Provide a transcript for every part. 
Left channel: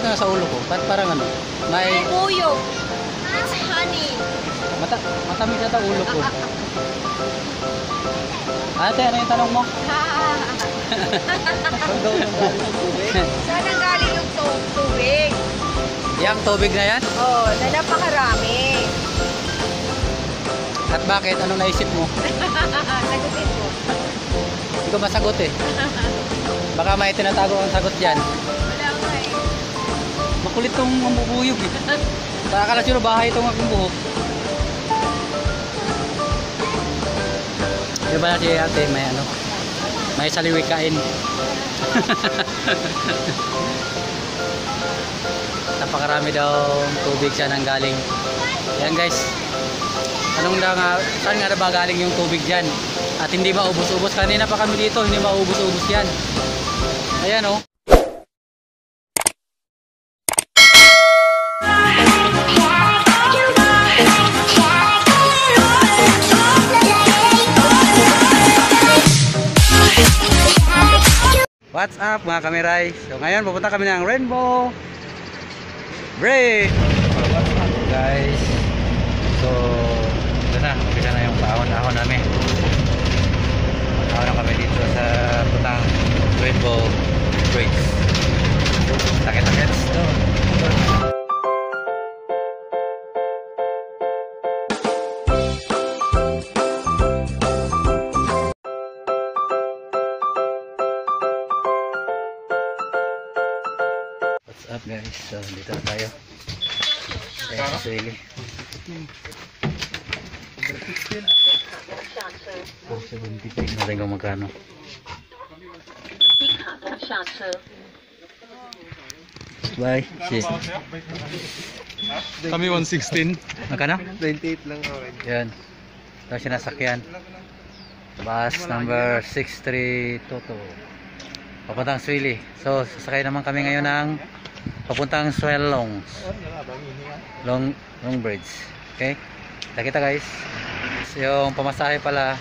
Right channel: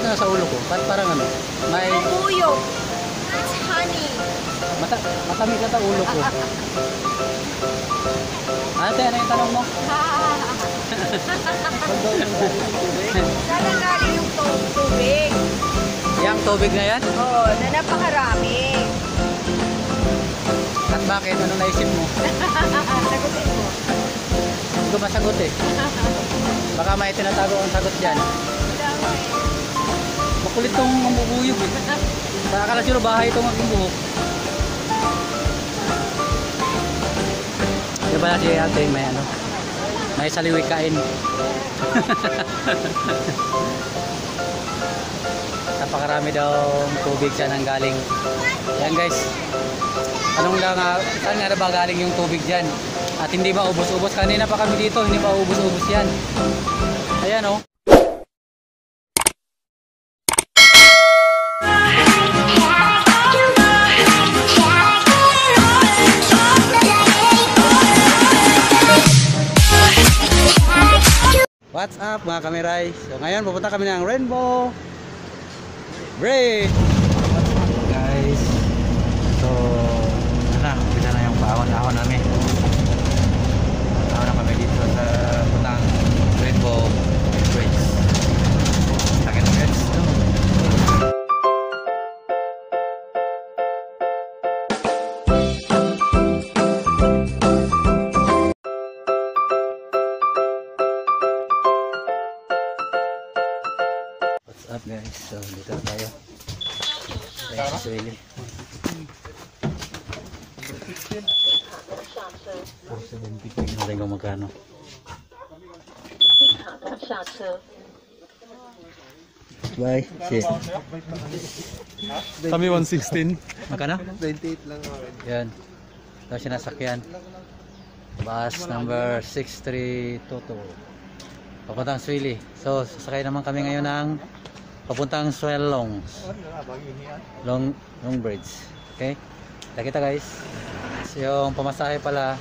bakit nasa ulo ko? Parang ano? May buyog. It's honey. Matamis ata ulo ko. Ate, ano yung tanong mo? Saan daw nang galing yung tubig? Saan ang galing ng tubig? Yang tubig na yan? Oo, na napakarami. At bakit? Anong naisip mo? Sagutin mo. Hindi ko masagot eh. Baka may tinatago ang sagot dyan. Wala nga eh. Makulit tong mambubuyog eh. Sa akala sino bahay itong aking buhok. Diba na si ate may ano? May saliwikain. Napakarami daw tubig siya nang galing. Yan guys. Anong saan nga ba galing yung tubig dyan? At hindi maubos-ubos. Kanina pa kami dito, hindi maubos-ubos yan. Ayan oh. What's up mga kameray? So ngayon pupunta kami ng Rainbow Bridge. What's up guys? So ito na, umpisa na yung paahon-ahon namin. Paahon na kami dito sa putang Rainbow Bridge. Sakit na guys. What's up guys? So dito na tayo. Ayan si Sueli. Ano rin kung magkano? Bye. Shit. Kami 116. Magkano? 28 lang ako. Yan. Ito sinasakyan. Bus number 6322. Papuntang Sueli. So sasakay naman kami ngayon ng papuntang Swellong Long Bridge. Okay? Kita guys. So, yung pamasahe pala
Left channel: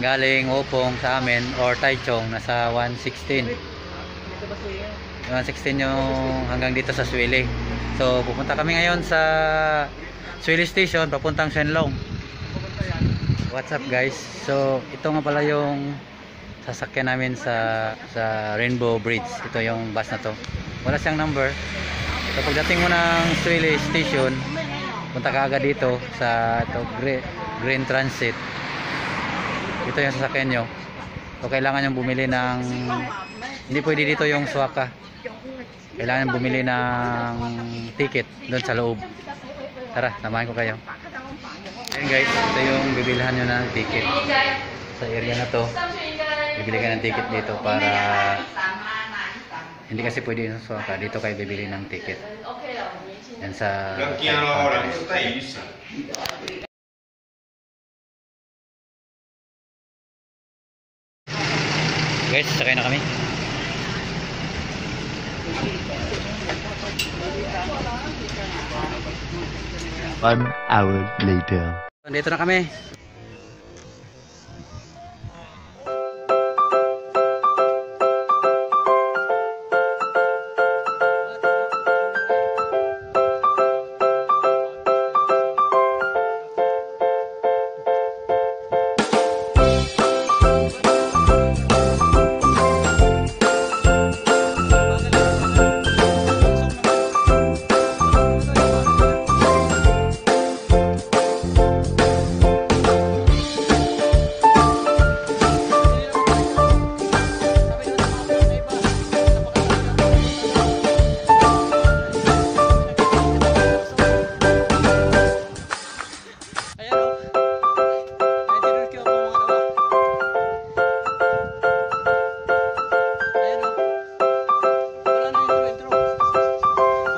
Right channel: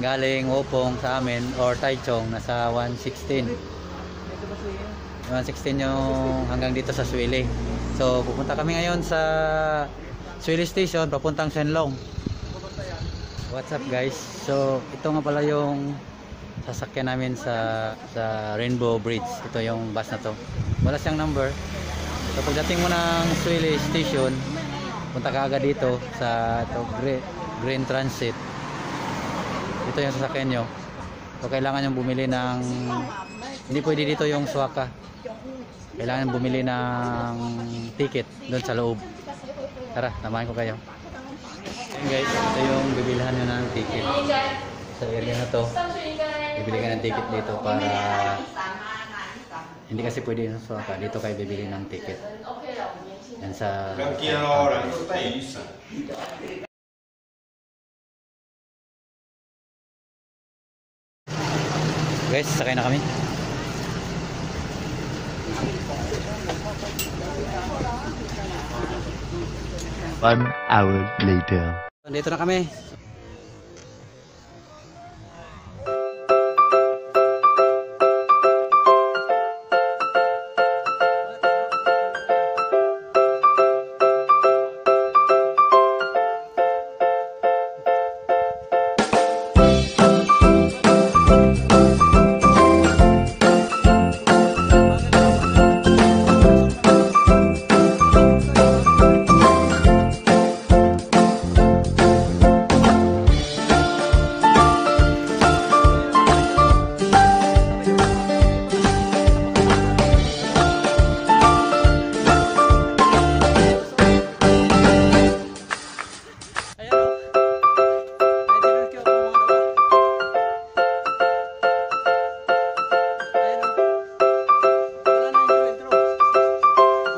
galing Wopong sa amin or Taichung nasa 116. 116 yung hanggang dito sa Sueli. So pupunta kami ngayon sa Sueli Station papuntang Shenlong. What's up guys? So ito nga pala yung sasakyan namin sa Rainbow Bridge. Ito yung bus na to. Wala siyang number. So pagdating mo ng Sueli Station, punta ka agad dito sa Green Transit. Ito yung sasakyan nyo. So kailangan yung bumili ng, hindi pwede dito yung swaka. Kailangan bumili ng ticket doon sa loob. Tara, samahan ko kayo. Ayan guys, ito yung bibilhan nyo ng ticket. Sa area na to, bibili ka ng ticket dito para hindi kasi pwede yung swaka. Dito kayo bibili ng ticket. Yan sa guys, sakay na kami. One hour later. Dito na kami.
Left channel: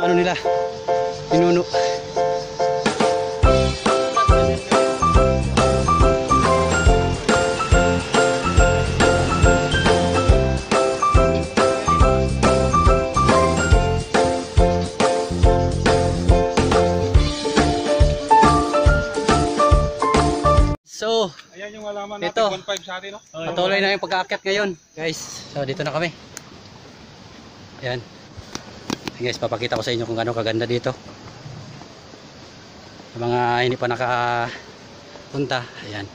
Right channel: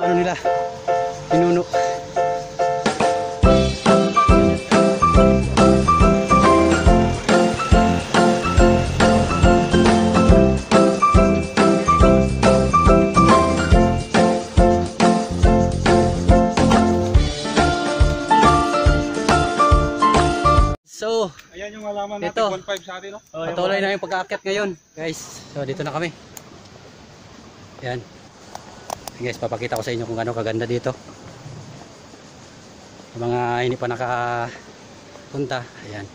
Ano nila? Pinuno. So, Ayan yung alaman natin, dito, 1.5 sa atin, no? patuloy na yung pag-aakyat ngayon, guys. So, dito na kami. Yan. Guys, papakita ko sa inyo kung gaano kaganda dito. Sa mga hindi pa nakapunta, ayan.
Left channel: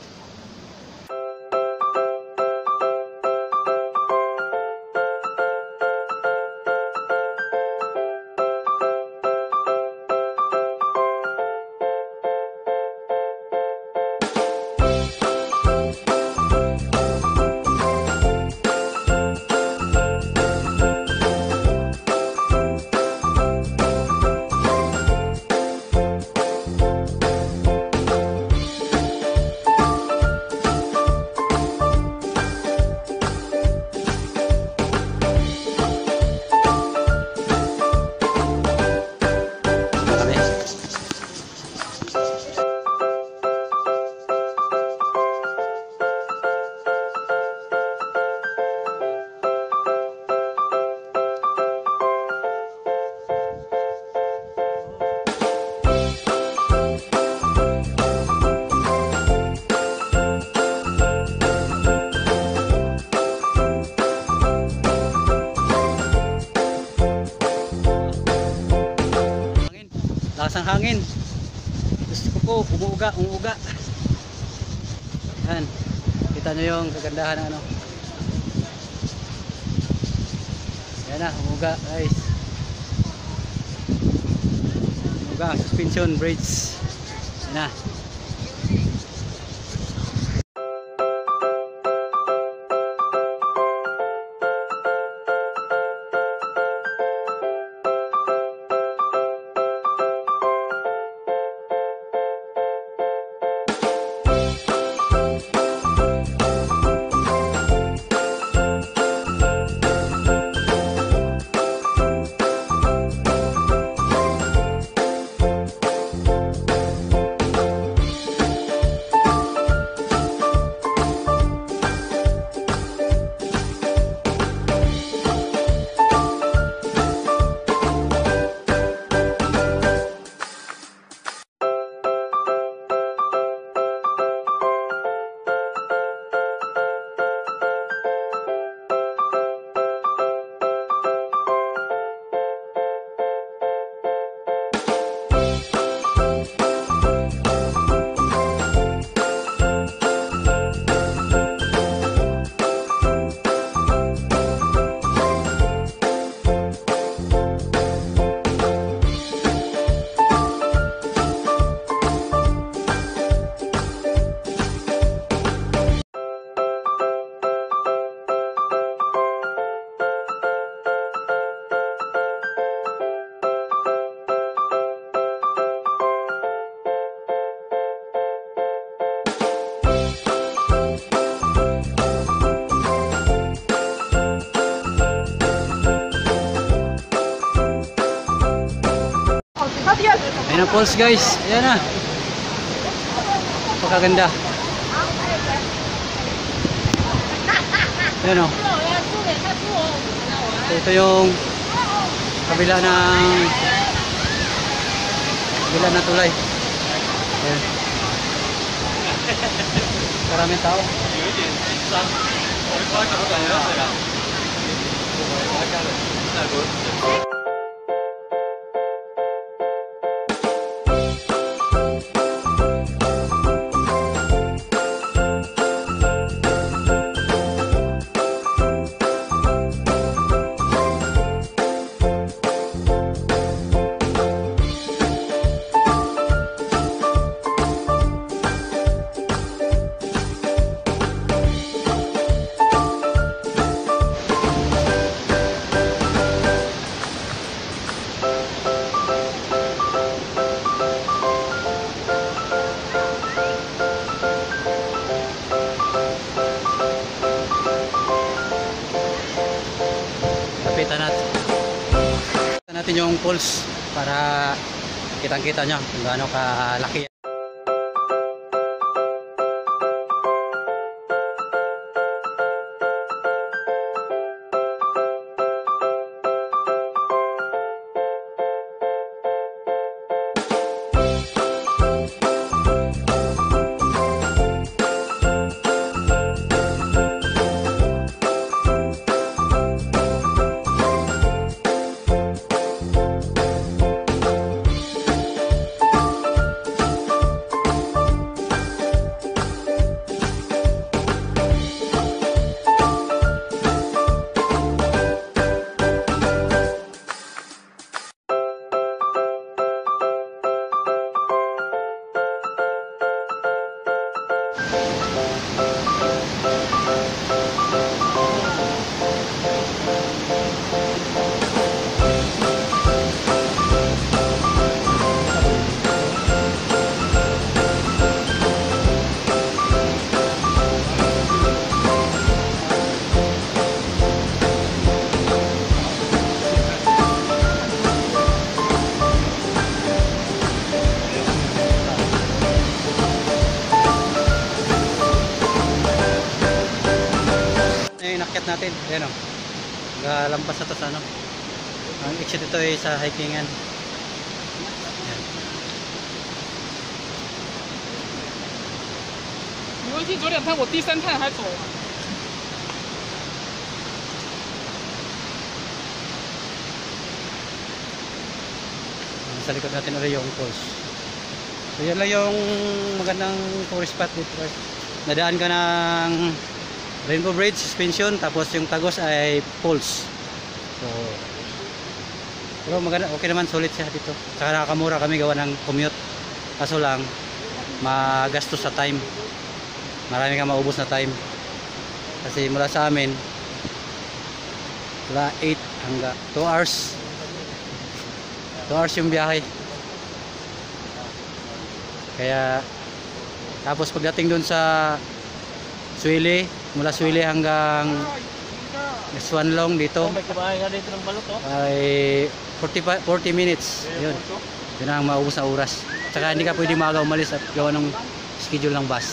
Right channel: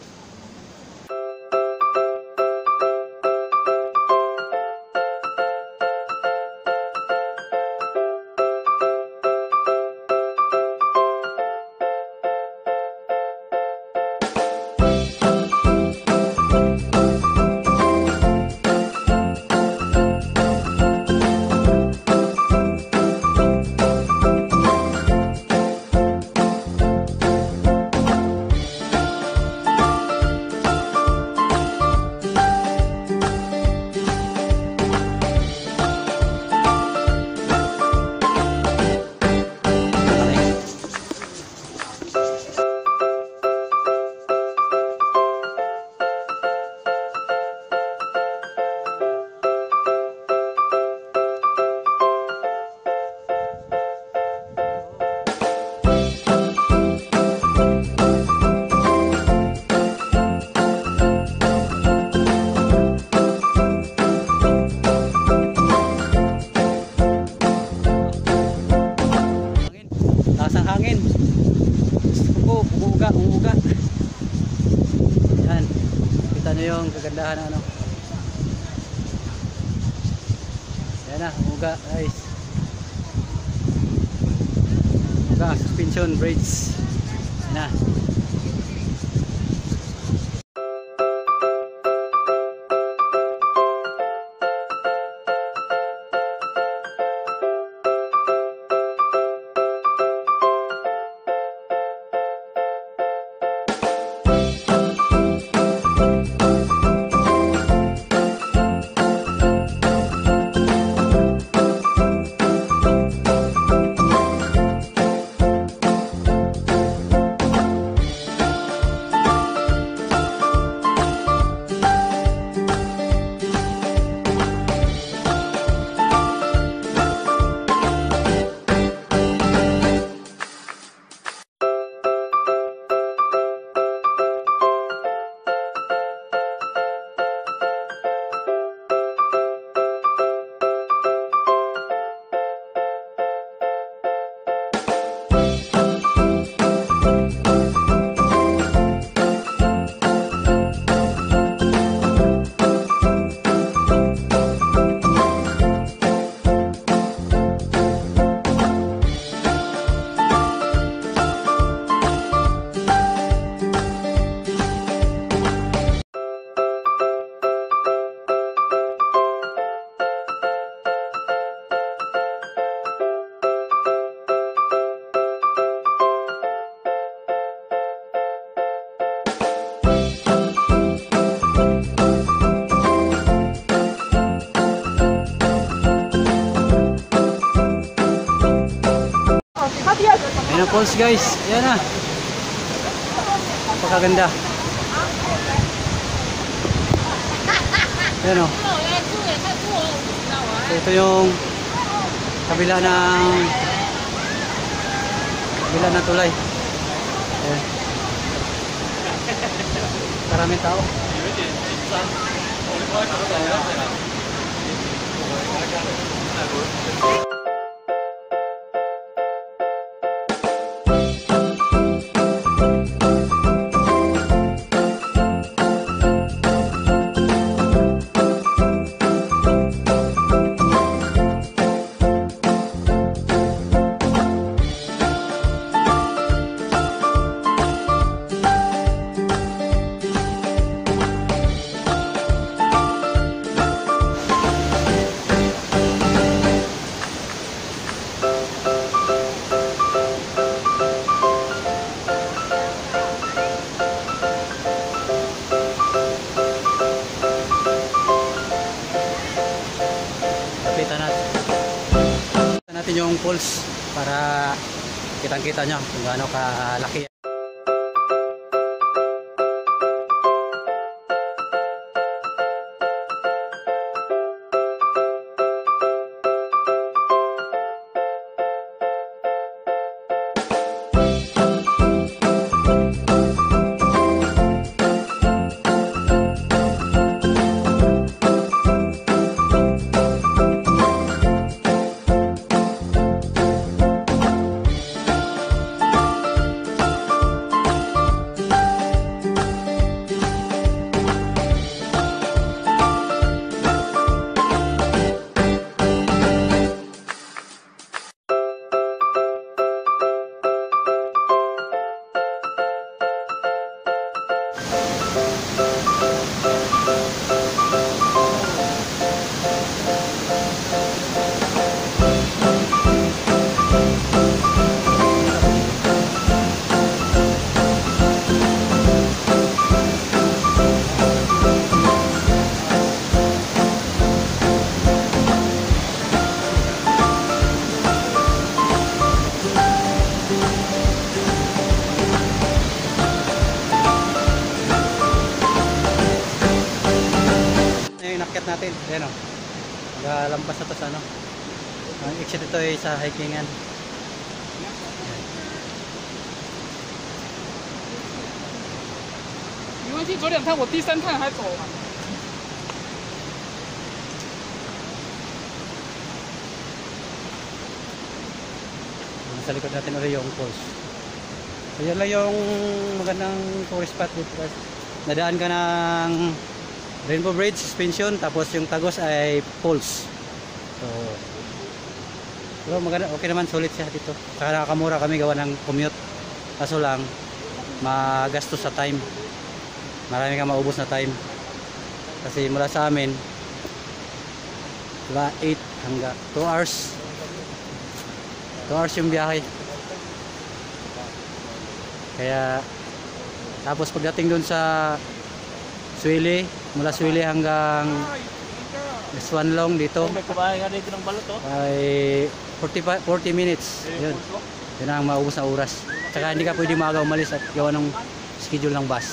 Lakas ng hangin. Gusto ko po, umuuga. Yan. Kita nyo yung kagandahan ng ano. Yan na, umuuga guys. Umuuga ang suspension bridge. Yan na. Ayan ang falls guys. Ayan na. Napakaganda. Ayan o. So, ito yung kabila ng tulay. Ayan. Maraming tao. Kapitan natin yung pulse para kitang-kita nyo kung gaano kalaki. natin. Ayan o. Nagalampas na to sa ano. Ang exit ito ay sa hikingan. Ayan. 没关系，走两趟，我第3趟还走完。 Sa likod natin ulit yung falls. So yan lang yung magandang tourist spot dito guys. Nadaan ka ng Rainbow Bridge, suspension, tapos yung Tagos ay falls. So pero maganda, okay naman, sulit siya dito. Saka nakakamura kami gawa ng commute. Kaso lang magastos sa time. Marami kang maubos na time. Kasi mula sa amin mula 8 hanggang 2 hours. 2 hours yung biyahe. Kaya tapos pagdating dun sa Suili, mula Suili hanggang Swanlong dito ay 40 minutes. Yun. Yun ang maubos na oras. Tsaka hindi ka pwede maaga umalis at gawa ng schedule ng bus.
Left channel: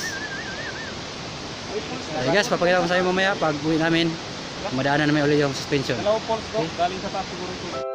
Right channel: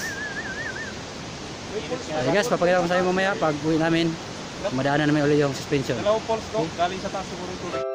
Ay guys, papakita ko sa inyo mamaya pag uwi namin. Madaanan namin ulit yung suspension. Okay. Galing sa taas siguro ito.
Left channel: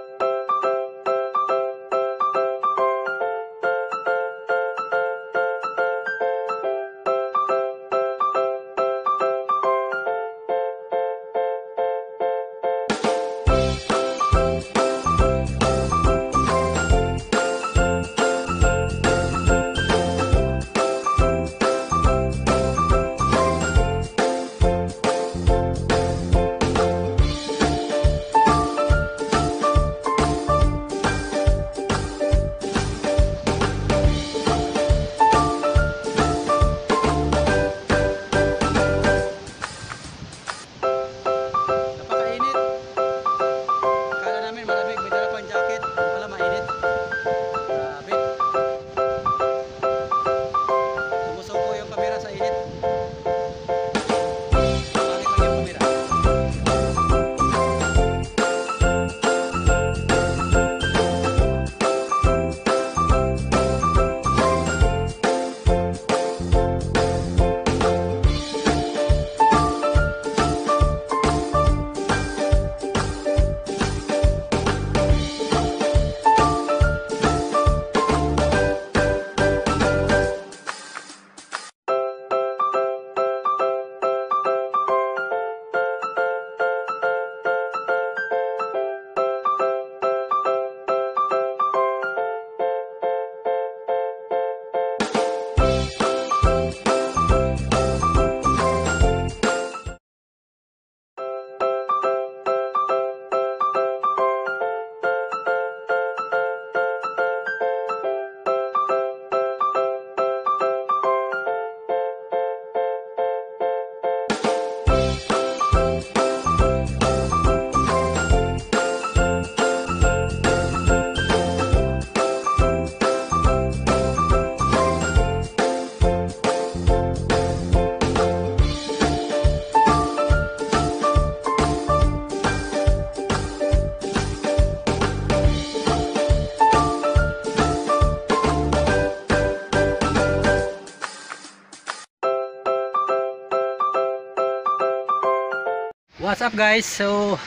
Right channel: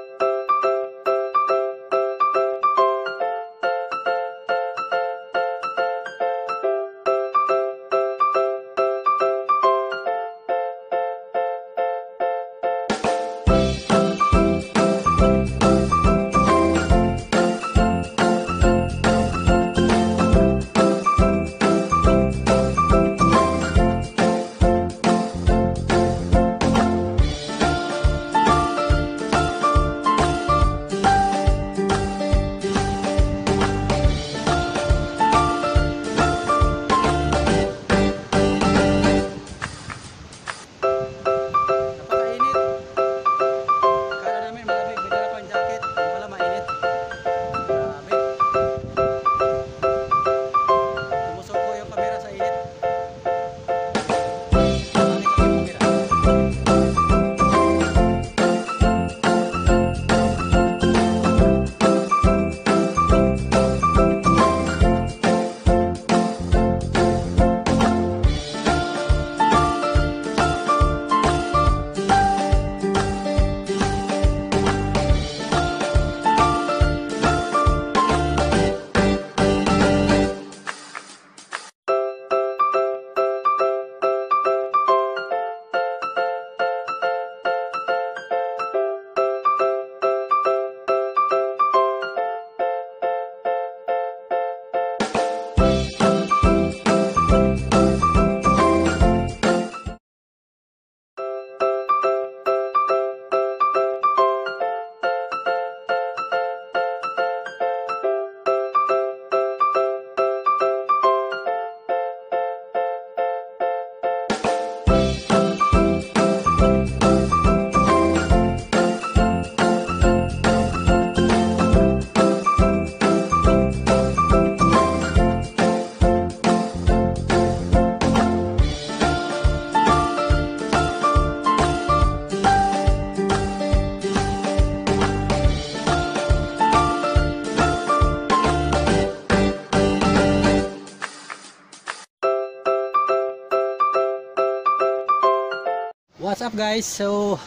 What's up guys? So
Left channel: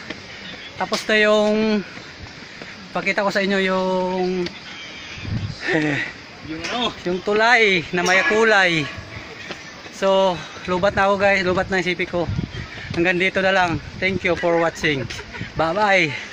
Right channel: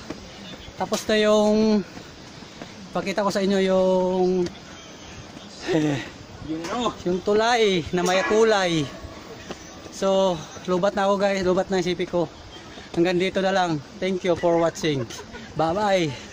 tapos na yung pakita ko sa inyo yung yung tulay na may kulay. So lubat na ako guys, lubat na yung sipi ko. Hanggang dito na lang. Thank you for watching. Bye bye.